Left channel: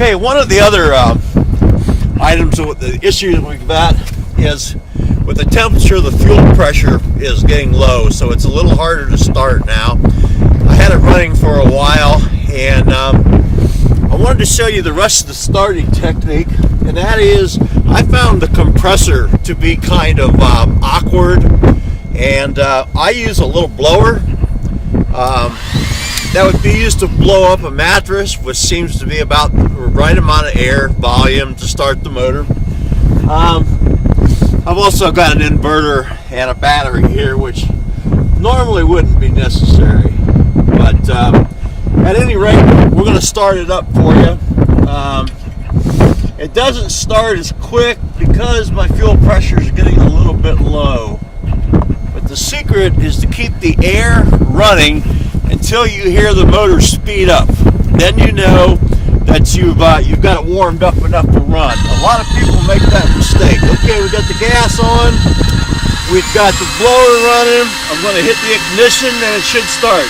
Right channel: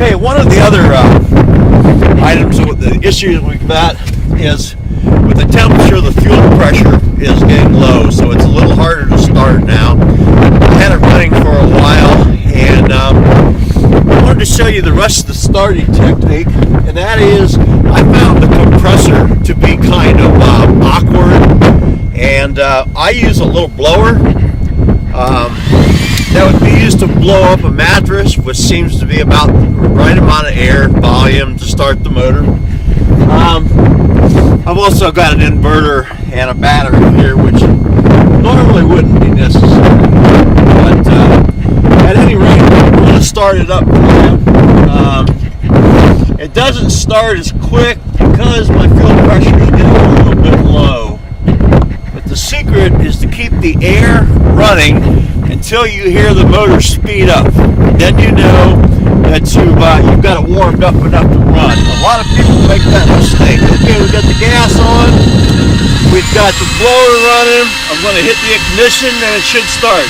Okay, one of the other items with the issues we've got is with the temperature, the fuel pressure is getting low, so it's a little harder to start now. I had it running for a while, and I wanted to show you the rest of the starting technique, and that is I found the compressor to be kind of awkward, and I use a little blower that would be used to blow up a mattress, which seems to be about the right amount of air volume to start the motor. I've also got an inverter and a battery here, which normally wouldn't be necessary, but at any rate, we're going to start it up for you. It doesn't start as quick because my fuel pressure is getting a little bit low, but the secret is to keep the air running until you hear the motor speed up. Then you know that you've got it warmed up enough to run. A lot of people make that mistake. Okay, we got the gas on, we've got the blower running, I'm going to hit the ignition and it should start.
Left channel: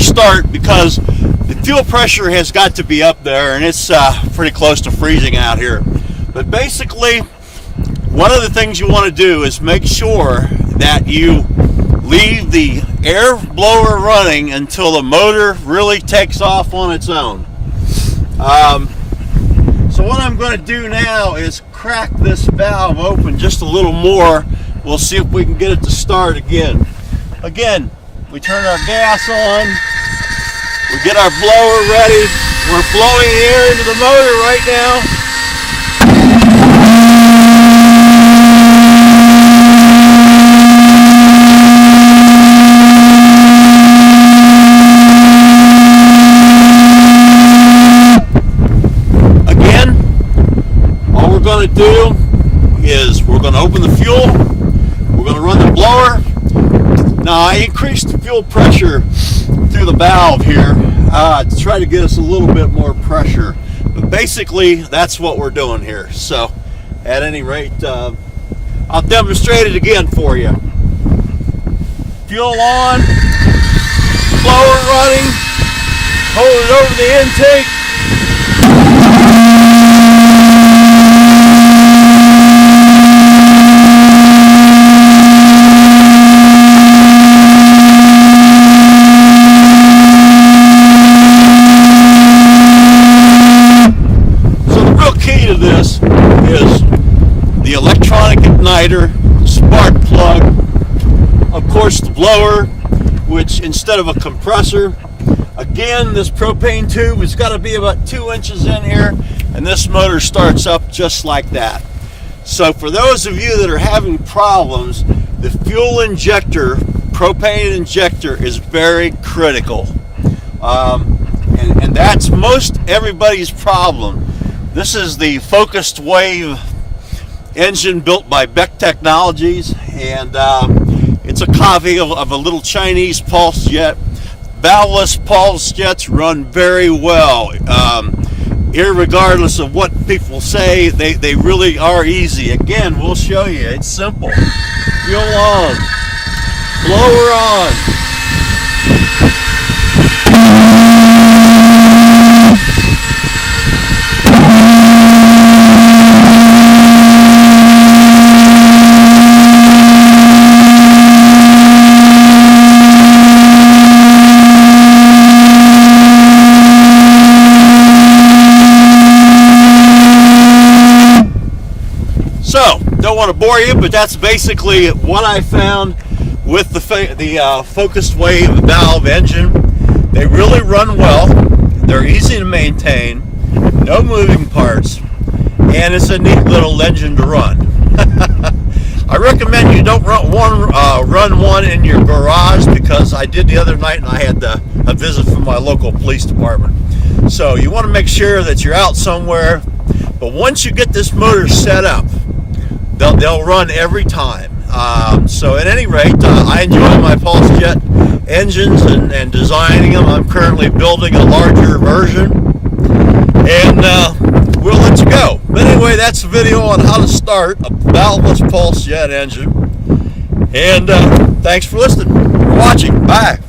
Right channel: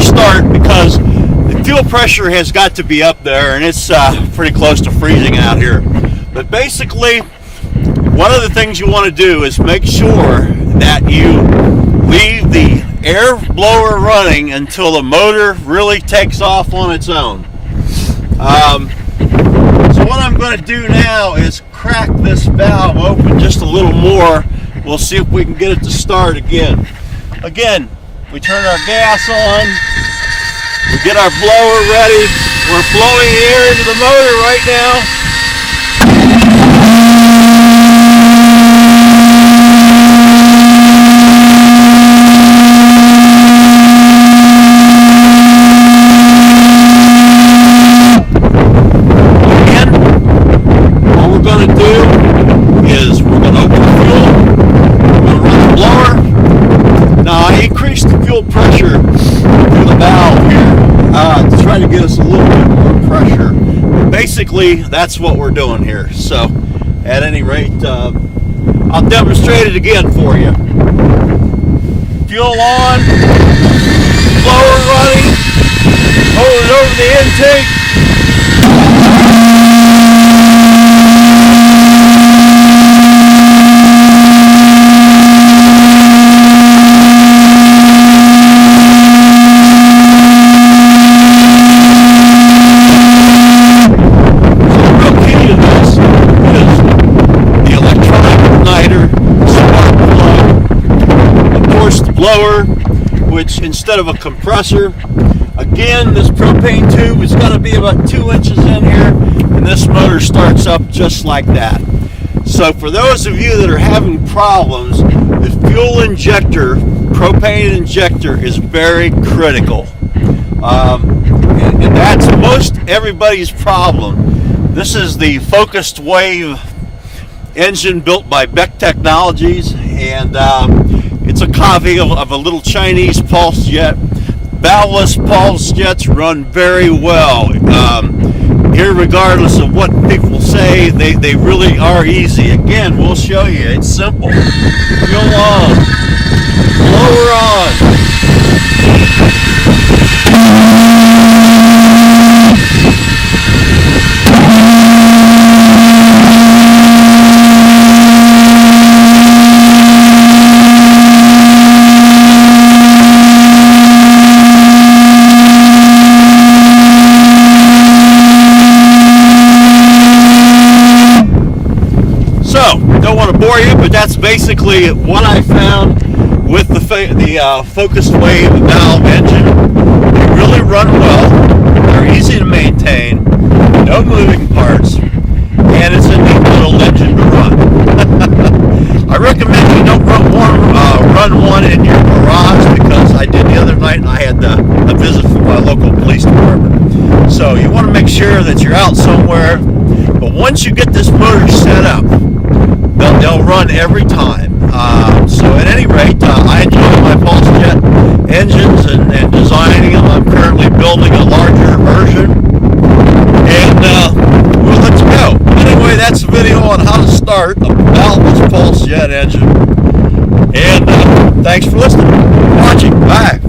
Start because the fuel pressure has got to be up there, and it's pretty close to freezing out here. But basically, one of the things you want to do is make sure that you leave the air blower running until the motor really takes off on its own. So what I'm going to do now is crack this valve open just a little more. We'll see if we can get it to start again. Again, we turn our gas on, we get our blower ready, we're blowing air into the motor right now. Again, all we're going to do is we're going to open the fuel, we're going to run the blower. Now I increased the fuel pressure through the valve here to try to get us a little bit more pressure. But basically, that's what we're doing here. So, at any rate, I'll demonstrate it again for you. Fuel on, blower running, hold it over the intake. Spark plug, of course the blower, which instead of a compressor, again this propane tube has got to be about 2 inches in here, and this motor starts up just like that. So for those of you that are having problems, the fuel injector, propane injector, is very critical, and that's most everybody's problem. This is the focused wave engine built by Beck Technologies, and it's a copy of a little Chinese pulse jet. Valveless pulse jets run very well. Irregardless of what people say, they really are easy. Again, we'll show you. It's simple. Fuel on. Blower on. for you, but that's basically what I found with the focused wave valve engine. They really run well. They're easy to maintain, no moving parts, and it's a neat little engine to run. I recommend you don't run one in your garage, because I did the other night and I had a visit from my local police department. So you want to make sure that you're out somewhere. But once you get this motor set up, they'll run every time. So at any rate, I enjoy my Pulse Jet engines and designing them. I'm currently building a larger version, and we'll let you go. Anyway, that's the video on how to start a valveless Pulse Jet engine. And thanks for listening, for watching. Bye.